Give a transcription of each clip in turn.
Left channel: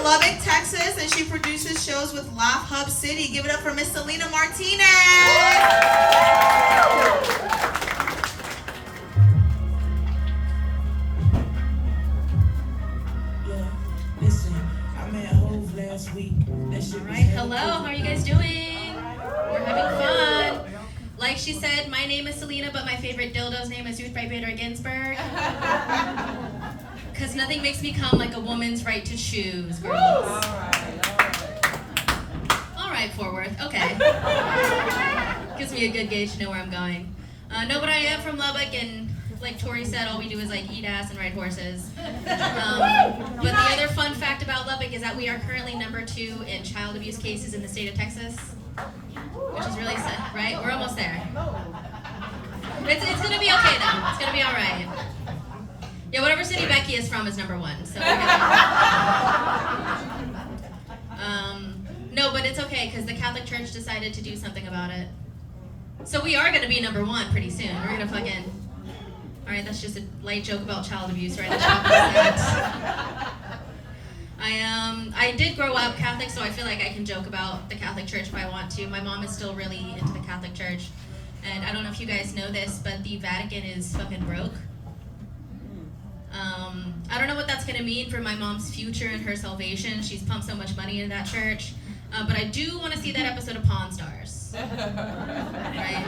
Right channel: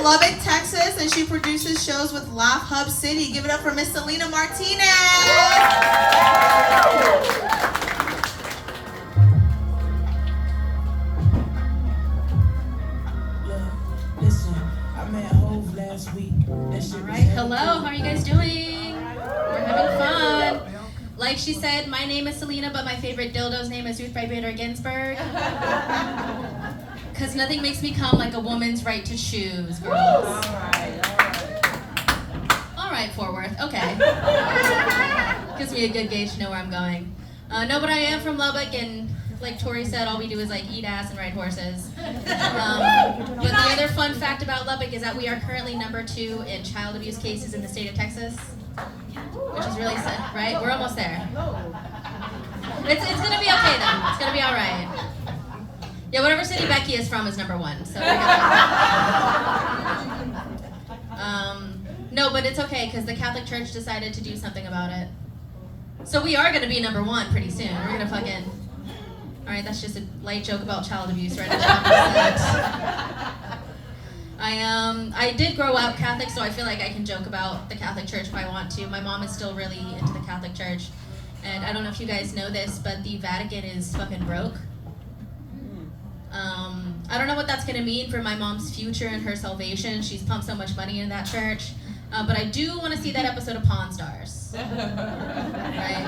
from Lubbock, Texas, and she produces shows with Laugh Hub City. Give it up for Miss Selena Martinez. Listen, I met Hove last week. That shit was Alright, hello, how are you guys doing? We're having fun. Like she said, my name is Selena, but my favorite dildo's name is Ruth Bader Ginsburg. Because nothing makes me come like a woman's right to choose, girls. Alright, Fort Worth, okay. Gives me a good gauge to know where I'm going. No, but I am from Lubbock, and like Tori said, all we do is like eat ass and ride horses. But the other fun fact about Lubbock is that we are currently #2 in child abuse cases in the state of Texas, which is really sad, right? We're almost there. It's gonna be okay though. It's gonna be all right. Yeah, whatever city Becky is from is #1. So. No, but it's okay because the Catholic Church decided to do something about it. So we are gonna be #1 pretty soon. We're gonna fucking. All right, that's just a light joke about child abuse, right? I did grow up Catholic, so I feel like I can joke about the Catholic Church if I want to. My mom is still really into the Catholic Church, and I don't know if you guys know this, but the Vatican is fucking broke. I don't know what that's gonna mean for my mom's future and her salvation. She's pumped so much money into that church, but I do want to see that episode of Pawn Stars. Right?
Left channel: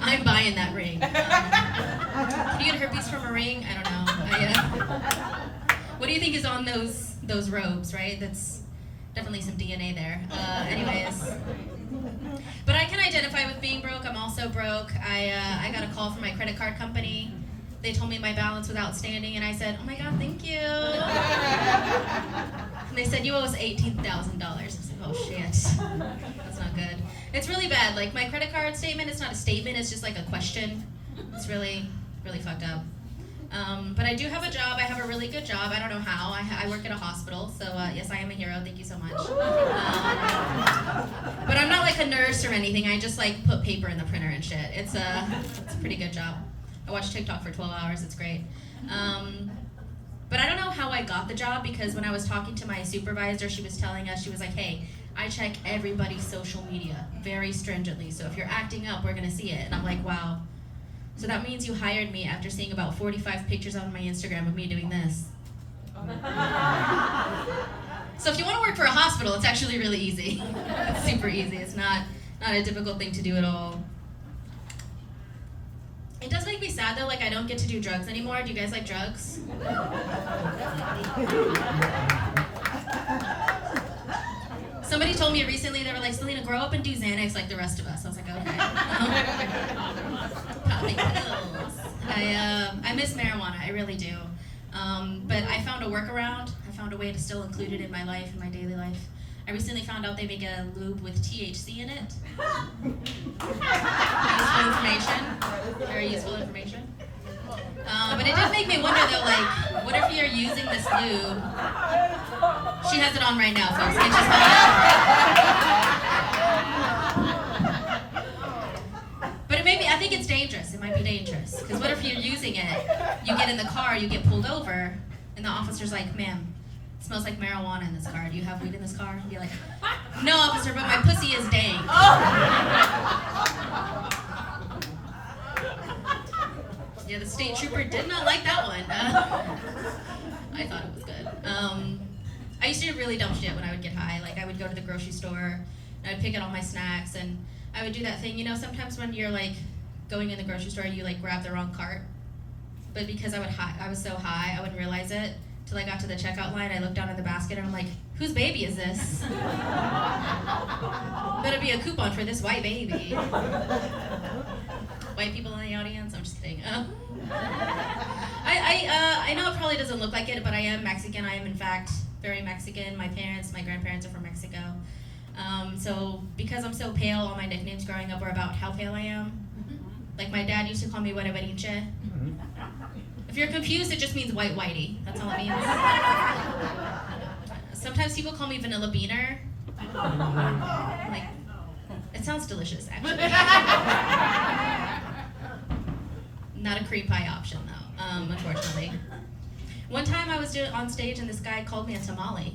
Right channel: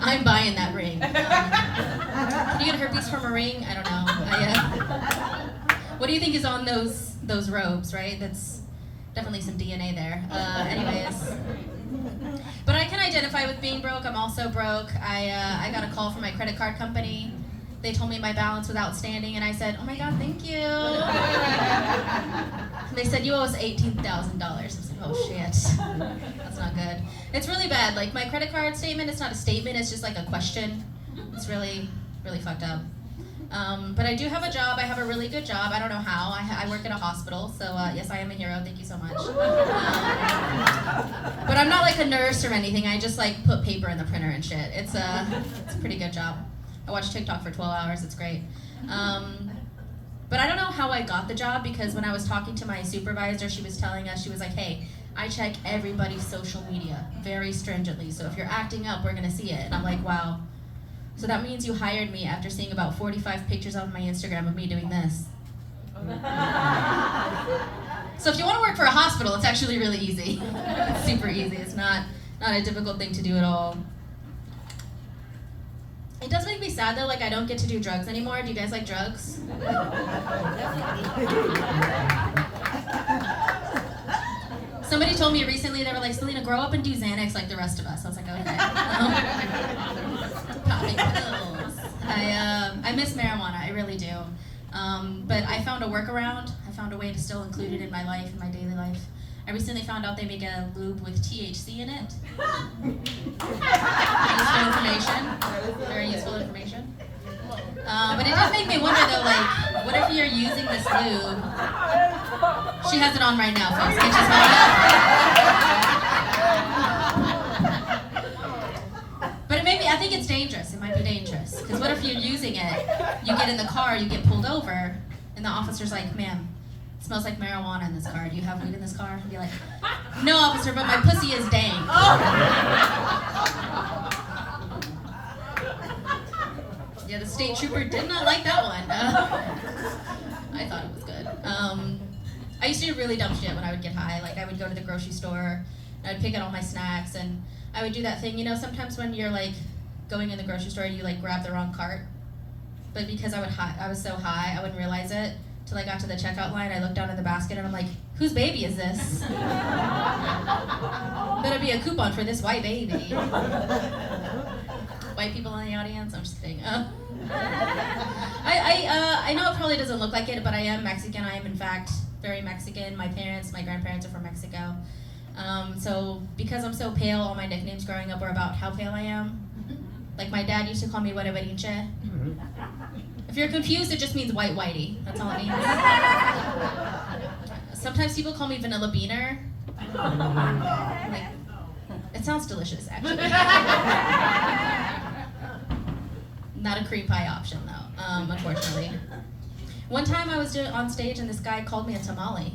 I'm buying that ring. Can you get herpes from a ring? I don't know. What do you think is on those robes, right? That's definitely some DNA there. Anyways. But I can identify with being broke. I'm also broke. I got a call from my credit card company. They told me my balance was outstanding, and I said, oh my God, thank you. And they said, you owe us $18,000. I was like, oh shit. That's not good. It's really bad. Like my credit card statement, it's not a statement, it's just like a question. It's really, really fucked up. But I do have a job. I have a really good job. I don't know how. I work at a hospital, so yes, I am a hero. Thank you so much. But I'm not like a nurse or anything. I just like put paper in the printer and shit. It's a pretty good job. I watch TikTok for 12 hours. It's great. But I don't know how I got the job because when I was talking to my supervisor, she was telling us, she was like, hey, I check everybody's social media very stringently. So if you're acting up, we're going to see it. And I'm like, wow. So that means you hired me after seeing about 45 pictures on my Instagram of me doing this. So if you want to work for a hospital, it's actually really easy. It's super easy. It's not a difficult thing to do at all. It does make me sad though, like I don't get to do drugs anymore. Do you guys like drugs? Somebody told me recently, they were like, Selena, grow up and do Xanax like the rest of us. I was like, okay. Popping pills. I miss marijuana, I really do. But I found a workaround. I found a way to still include it in my life, in my daily life. I recently found out they make a lube with THC in it. Useful information. Very useful information. But it did make me wonder though, like, what if you're using this lube? She has it on right now, folks. Can you smell it? But it may be, I think it's dangerous. It might be dangerous. Because what if you're using it, you get in the car, you get pulled over, and the officer's like, ma'am, it smells like marijuana in this car. Do you have weed in this car? And be like, no, officer, but my pussy is dank. Yeah, the state trooper did not like that one. I thought it was good. I used to do really dumb shit when I would get high. Like, I would go to the grocery store, and I would pick out all my snacks, and I would do that thing, you know, sometimes when you're, like, going in the grocery store, you, like, grab the wrong cart. But because I was so high, I wouldn't realize it. Till I got to the checkout line, I looked down at the basket and I'm like, whose baby is this? Better be a coupon for this white baby. White people in the audience? I'm just kidding. I know it probably doesn't look like it, but I am Mexican. I am in fact very Mexican. My grandparents are from Mexico. So because I'm so pale, all my nicknames growing up were about how pale I am. Like my dad used to call me Huele Berinche. If you're confused, it just means white whitey. That's all it means. Sometimes people call me Vanilla Beaner. Like, it sounds delicious, actually. Not a cream pie option, though, unfortunately. One time I was on stage and this guy called me a tamale.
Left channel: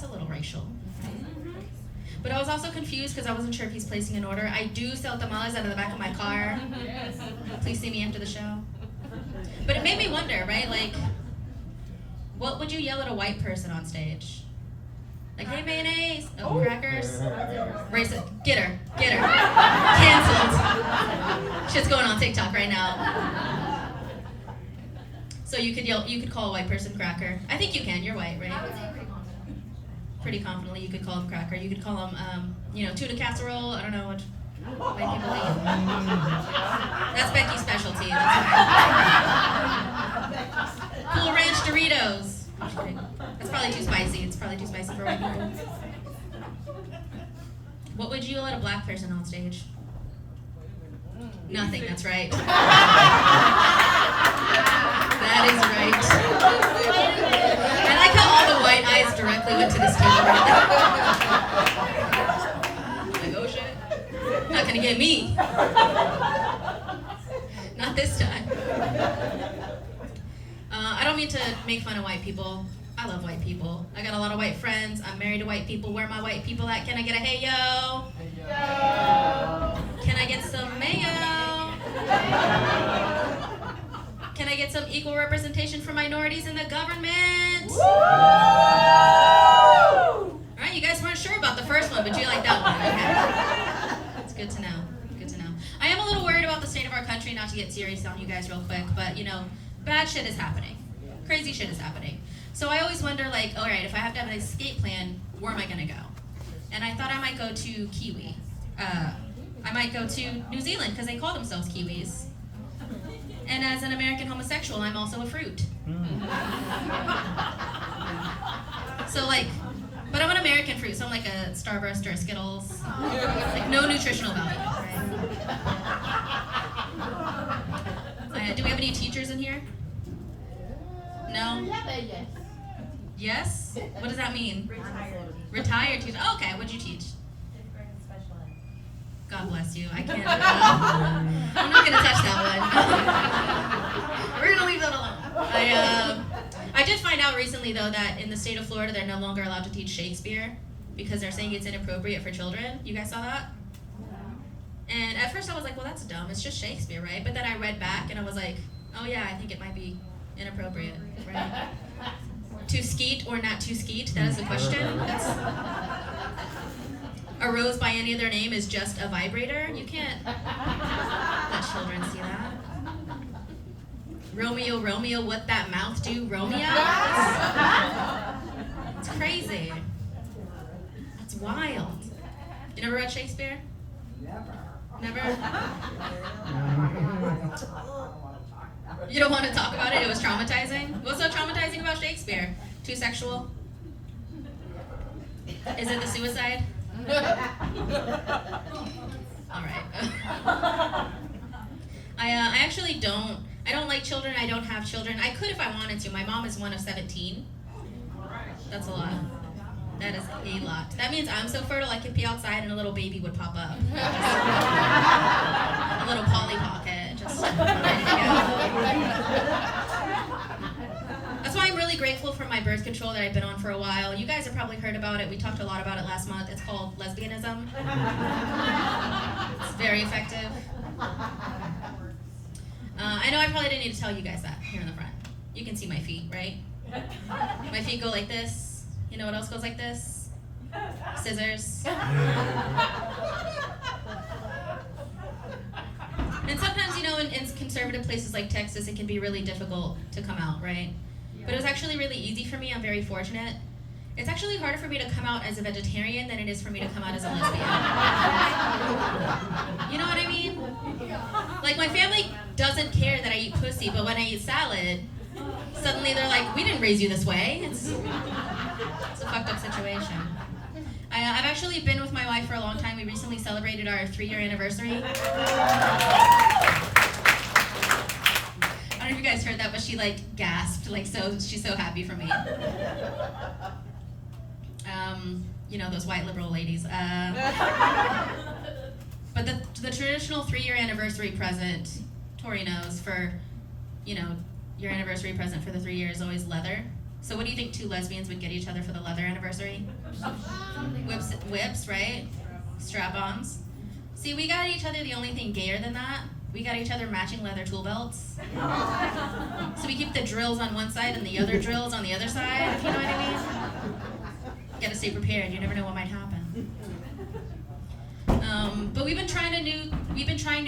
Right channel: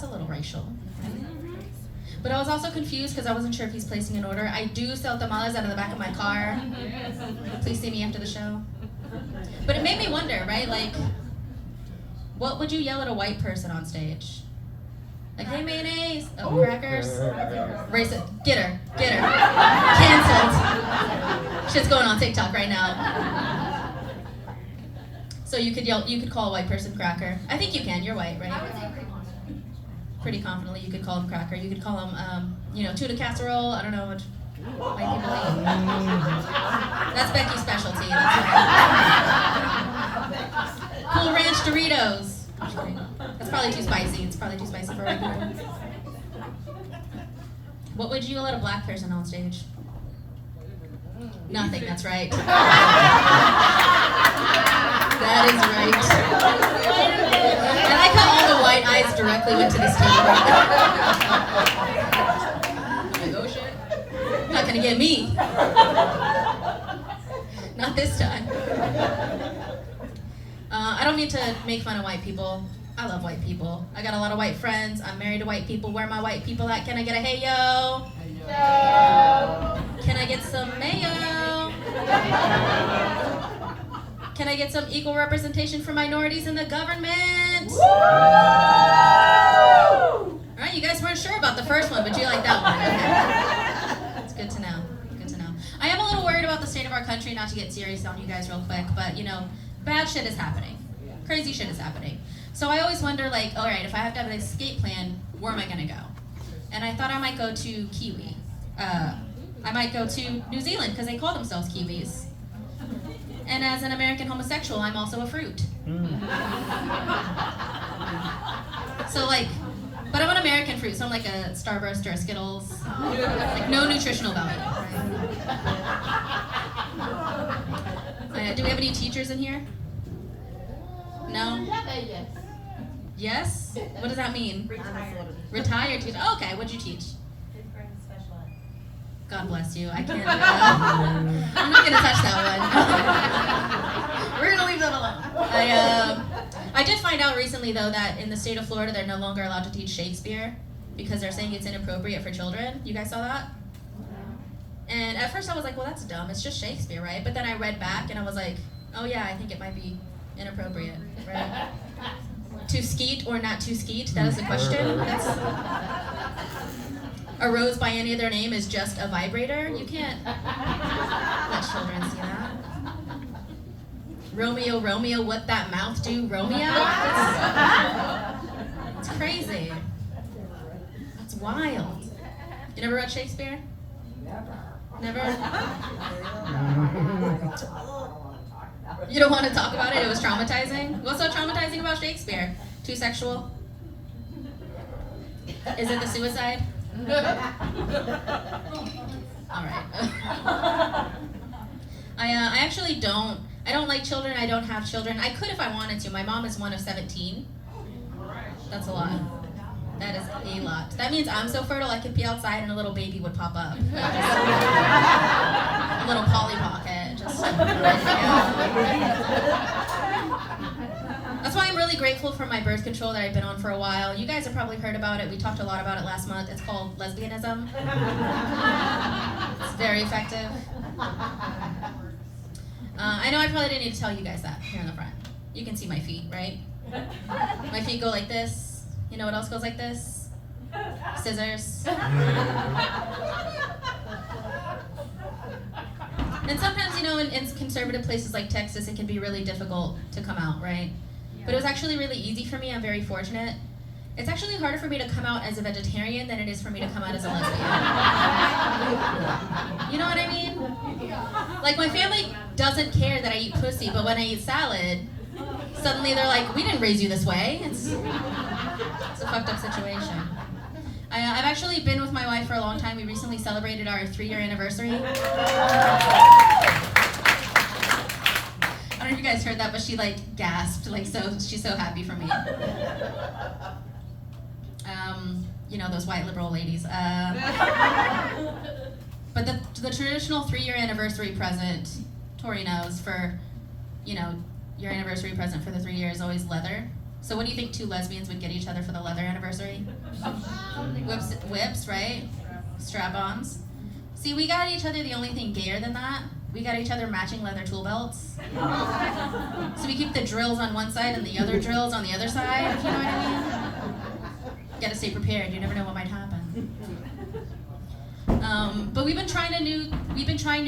that's a little racial. But I was also confused because I wasn't sure if he's placing an order. I do sell tamales out of the back of my car. Please see me after the show. But it made me wonder, right? Like, what would you yell at a white person on stage? Like, hey, mayonnaise. Oh, crackers. Racist. Get her. Canceled. Shit's going on TikTok right now. So you could call a white person cracker. I think you can, you're white, right? Pretty confidently you could call him cracker. You could call him, tuna casserole. I don't know what white people eat. That's Becky's specialty. Cool Ranch Doritos. That's probably too spicy. It's probably too spicy for white people. What would you yell at a black person on stage? Nothing, that's right. That is right. I like how all the white eyes directly went to this table. Like, oh shit. Not gonna get me. Not this time. I don't mean to make fun of white people. I love white people. I got a lot of white friends. I'm married to white people. Where are my white people at? Can I get a hey yo? Hey yo. Can I get some mayo? Can I get some equal representation for minorities in the government? Woo! All right, you guys weren't sure about the first one, but you like that one. It's good to know. Good to know. I am a little worried about the state of our country, not to get serious on you guys real quick, but bad shit is happening. Crazy shit is happening. So I always wonder, like, all right, if I have to have an escape plan, where am I gonna go? And I thought I might go to Kiwi. I might go to New Zealand, because they call themselves Kiwis. And as an American homosexual, I'm also a fruit. So but I'm an American fruit, so I'm like a Starburst or a Skittles. Like, no nutritional value. Right? Do we have any teachers in here? No? Yes? What does that mean? Retired teacher. Oh, okay, what'd you teach? God bless you. I can't do that. I'm not going to touch that one. We're going to leave that alone. I did find out recently, though, that in the state of Florida, they're no longer allowed to teach Shakespeare because they're saying it's inappropriate for children. You guys saw that? And at first I was like, well, that's dumb. It's just Shakespeare, right? But then I read back and I was like, oh, yeah, I think it might be inappropriate, right? To skeet or not to skeet? That is the question. A rose by any other name is just a vibrator. You can't let children see that. Romeo, Romeo, what that mouth do, Romeo? It's crazy. That's wild. You never read Shakespeare? Never? You don't want to talk about it? It was traumatizing? What's so traumatizing about Shakespeare? Too sexual? Is it the suicide? All right. I actually don't like children. I don't have children. I could if I wanted to. My mom is one of 17. That's a lot. That is a lot. That means I'm so fertile I could be outside and a little baby would pop up. A little Polly Pocket. That's why I'm really grateful for my birth control that I've been on for a while. You guys have probably heard about it. We talked a lot about it last month. It's called lesbianism. It's very effective. I know I probably didn't need to tell you guys that here in the front. You can see my feet, right? My feet go like this. You know what else goes like this? Scissors. And sometimes, in conservative places like Texas, it can be really difficult to come out, right? But it was actually really easy for me. I'm very fortunate. It's actually harder for me to come out as a vegetarian than it is for me to come out as a lesbian. You know what I mean? Like, my family doesn't care that I eat pussy, but when I eat salad, suddenly they're like, we didn't raise you this way. It's a fucked up situation. I've actually been with my wife for a long time. We recently celebrated our 3-year anniversary. I don't know if you guys heard that, but she gasped, she's so happy for me. Those white liberal ladies. But the traditional 3-year anniversary present, Tori knows, for, your anniversary present for the 3 years is always leather. So what do you think two lesbians would get each other for the leather anniversary? Whips, right? Strap-ons. See, we got each other the only thing gayer than that. We got each other matching leather tool belts. So we keep the drills on one side and the other drills on the other side. You know what I mean? Gotta stay prepared. You never know what might happen. But we've been trying new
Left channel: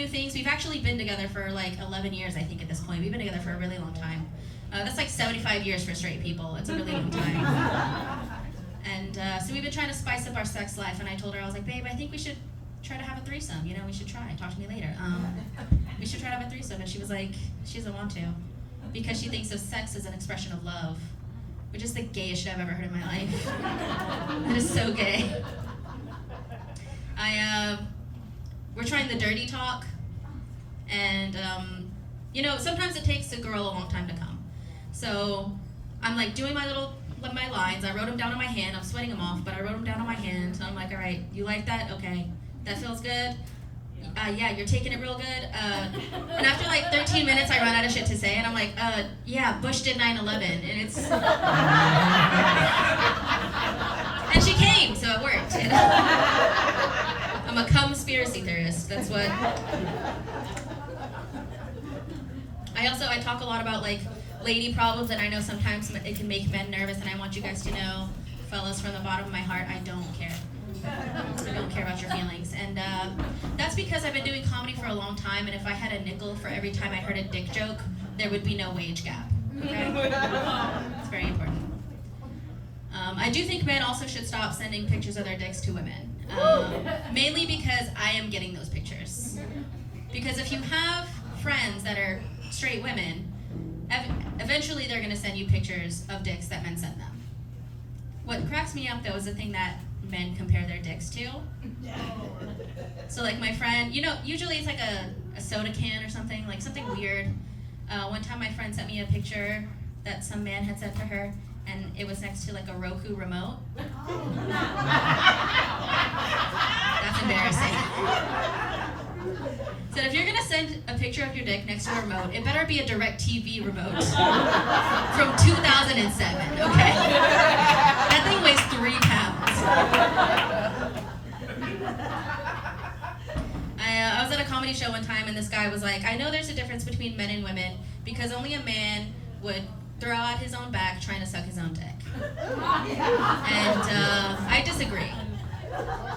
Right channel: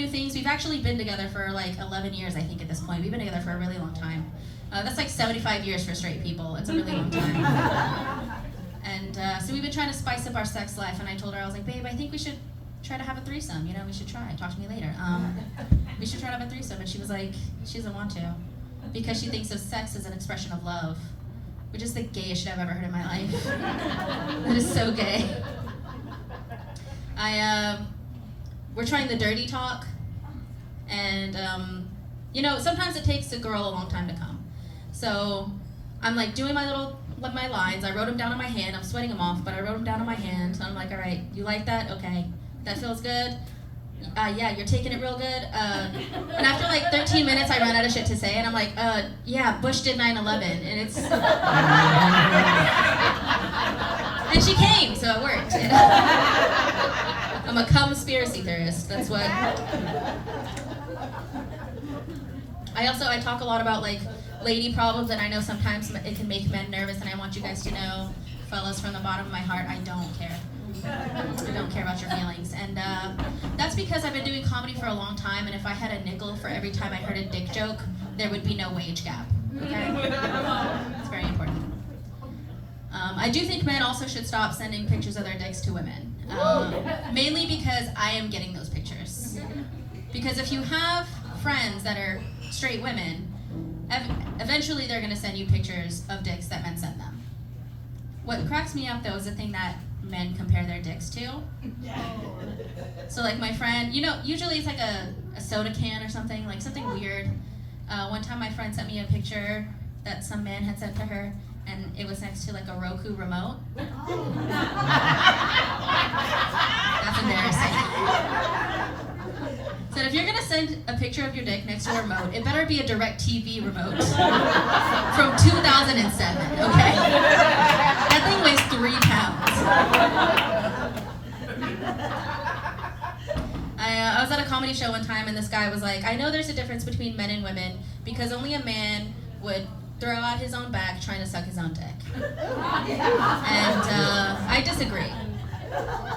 things. We've actually been together for like 11 years, I think, at this point. We've been together for a really long time. That's like 75 years for straight people. It's a really long time. And so we've been trying to spice up our sex life. And I told her, I was like, babe, I think we should try to have a threesome. You know, we should try. Talk to me later. We should try to have a threesome. And she was like, she doesn't want to, because she thinks of sex as an expression of love, which is the gayest shit I've ever heard in my life. It is so gay. We're trying the dirty talk, and you know, sometimes it takes a girl a long time to come. So I'm like doing my lines. I wrote them down on my hand. I'm sweating them off, but I wrote them down on my hand. So I'm like, all right, you like that? Okay, that feels good. Yeah, you're taking it real good. And after like 13 minutes, I run out of shit to say, and I'm like, yeah, Bush did 9/11, and it's. And she came, so it worked. You know? I'm a conspiracy theorist. That's what. I talk a lot about like lady problems, and I know sometimes it can make men nervous, and I want you guys to know, fellas, from the bottom of my heart, I don't care. I don't care about your feelings. And that's because I've been doing comedy for a long time, and if I had a nickel for every time I heard a dick joke, there would be no wage gap. Okay? It's very important. I do think men also should stop sending pictures of their dicks to women. Mainly because I am getting those pictures. Because if you have friends that are straight women, eventually they're going to send you pictures of dicks that men send them. What cracks me up, though, is the thing that men compare their dicks to. So like my friend, you know, usually it's like a soda can or something, like something weird. One time my friend sent me a picture that some man had sent to her, and it was next to like a Roku remote. That's embarrassing. So if you're gonna send a picture of your dick next to a remote, it better be a DirecTV remote from 2007, okay? That thing weighs 3 pounds. I was at a comedy show one time, and this guy was like, I know there's a difference between men and women because only a man would throw out his own back trying to suck his own dick. And I disagree.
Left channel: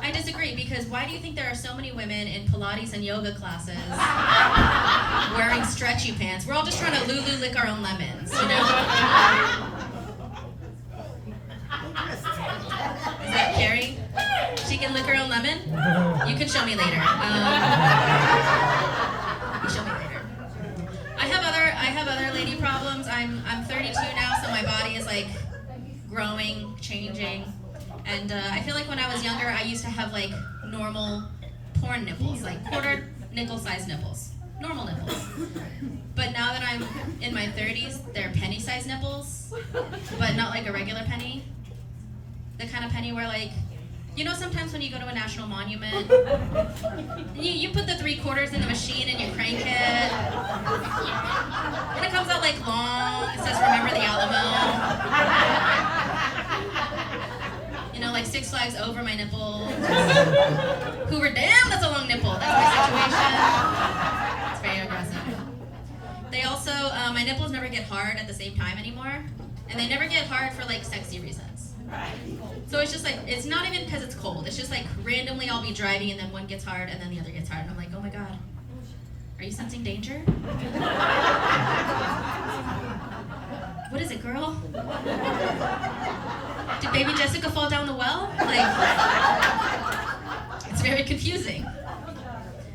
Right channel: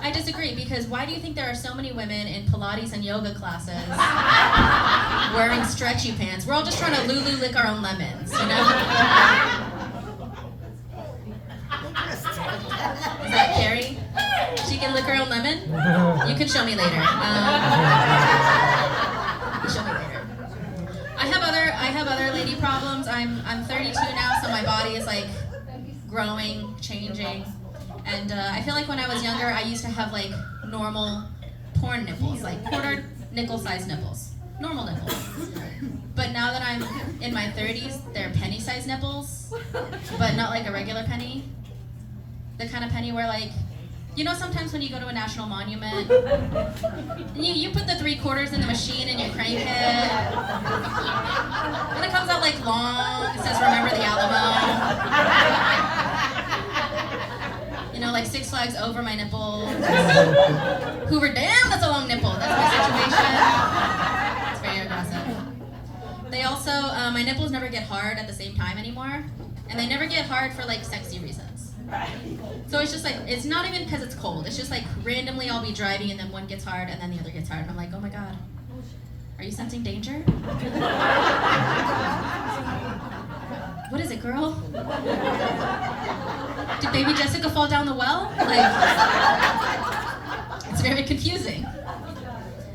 I disagree, because why do you think there are so many women in Pilates and yoga classes wearing stretchy pants? We're all just trying to Lulu lick our own lemons, you know? Is that Carrie? She can lick her own lemon? You can show me later. You show me later. I have other lady problems. I'm 32 now, so my body is like growing, changing. And I feel like when I was younger, I used to have like normal porn nipples, like quarter nickel-sized nipples, normal nipples. But now that I'm in my 30s, they're penny-sized nipples, but not like a regular penny. The kind of penny where like, you know, sometimes when you go to a national monument, you put the 3/4 in the machine and you crank it, and it comes out like long. It says "Remember the Alamo." You know, like Six Flags over my nipples. Hoover, damn, that's a long nipple. That's my situation. It's very aggressive. They also, my nipples never get hard at the same time anymore, and they never get hard for like sexy reasons. So it's just like, it's not even because it's cold. It's just like randomly I'll be driving and then one gets hard and then the other gets hard. And I'm like, oh my God, are you sensing danger? What is it, girl? Did baby Jessica fall down the well? Like, it's very confusing.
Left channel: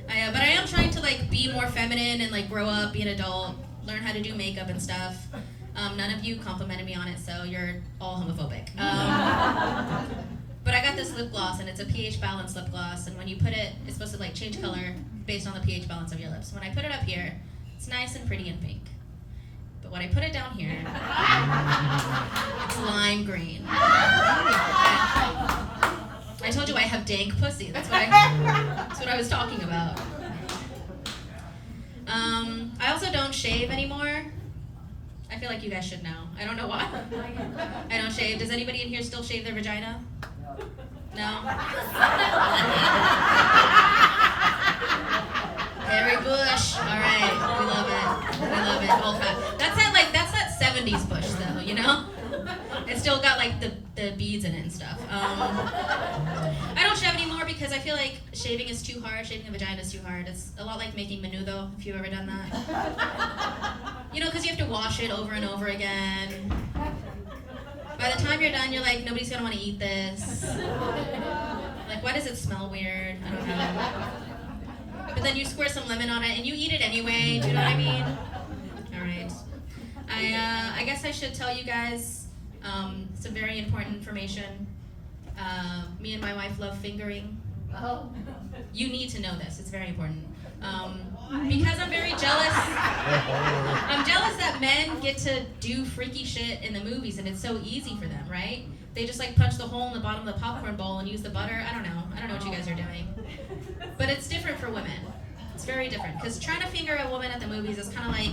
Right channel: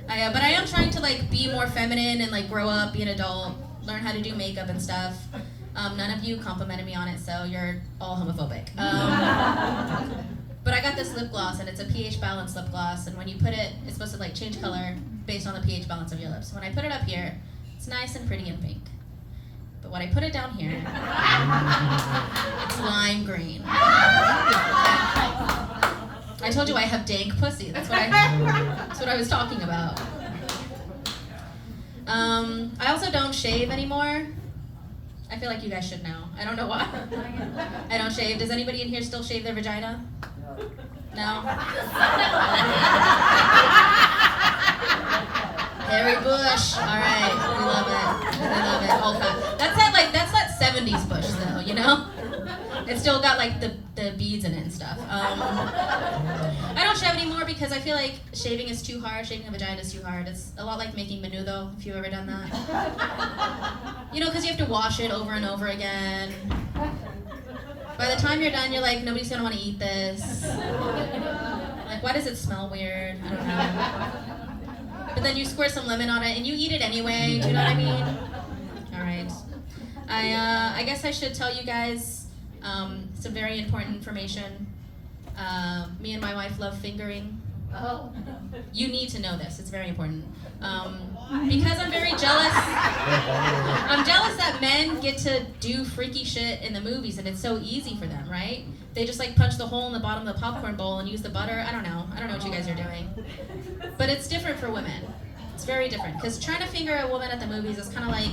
But I am trying to like be more feminine and like grow up, be an adult, learn how to do makeup and stuff. None of you complimented me on it, so you're all homophobic. But I got this lip gloss, and it's a pH balanced lip gloss, and when you put it, it's supposed to like change color based on the pH balance of your lips. When I put it up here, it's nice and pretty and pink. But when I put it down here, it's lime green. I told you I have dank pussy. That's what I was talking about. I also don't shave anymore. I feel like you guys should know. I don't know why. I don't shave. Does anybody in here still shave their vagina? No? Hairy bush. All right. We love it. We love it. Old fat. That's that 70s bush though, you know? It's still got like the beads in it and stuff. I don't shave anymore because I feel like shaving is too hard. Shaving a vagina is too hard. It's a lot like making menudo, if you've ever done that. You know, because you have to wash it over and over again. By the time you're done, you're like, nobody's gonna want to eat this. Like, why does it smell weird? I don't know. But then you squirt some lemon on it and you eat it anyway. Do you know what I mean? All right. I guess I should tell you guys some very important information. Me and my wife love fingering. Oh. You need to know this. It's very important. Because I'm very jealous. I'm jealous that men get to do freaky shit in the movies and it's so easy for them, right? They just like punch the hole in the bottom of the popcorn bowl and use the butter. I don't know what you guys are doing. But it's different for women. It's very different. Because trying to finger a woman at the movies is kind of like,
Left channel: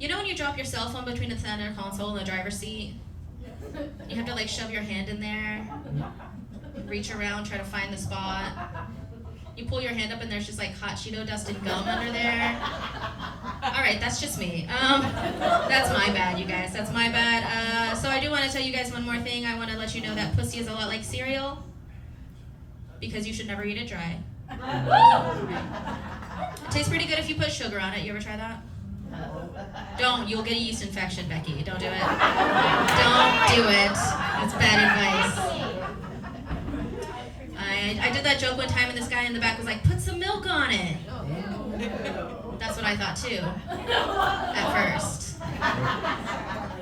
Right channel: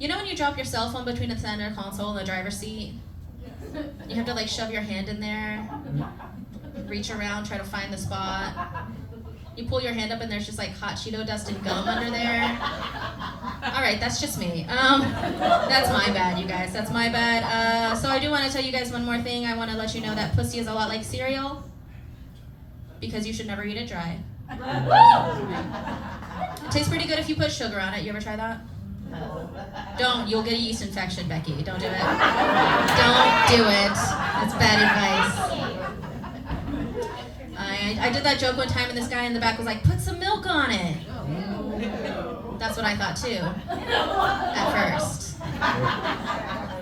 you know when you drop your cell phone between the center console and the driver's seat? You have to like shove your hand in there, reach around, try to find the spot. You pull your hand up and there's just like hot Cheeto dust and gum under there. All right, that's just me. That's my bad, you guys. That's my bad. So I do want to tell you guys one more thing. I want to let you know that pussy is a lot like cereal because you should never eat it dry. It tastes pretty good if you put sugar on it. You ever try that? Don't. You'll get a yeast infection, Becky. Don't do it. Don't do it. That's bad advice. I did that joke one time and this guy in the back was like, put some milk on it. That's what I thought too, at first.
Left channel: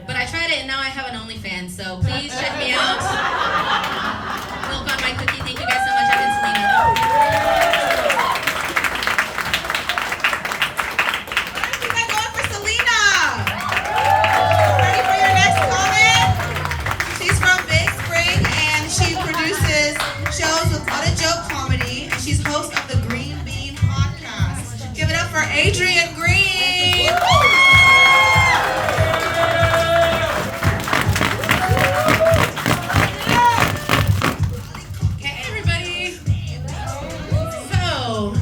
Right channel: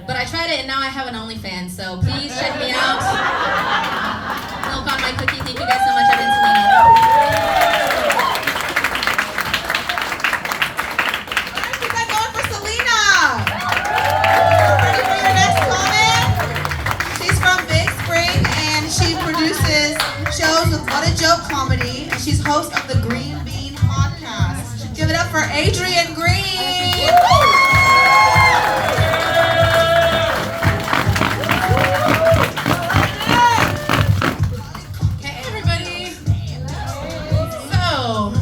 But I tried it and now I have an OnlyFans, so please check me out. Milk on my cookie. Thank you guys so much. I've been Selena. Alright, keep that going for Selena. Ready for your next comment? She's from Big Spring and she produces shows with What a Joke Comedy, and she's host of the Green Bean Podcast. Give it up for Adrian Green.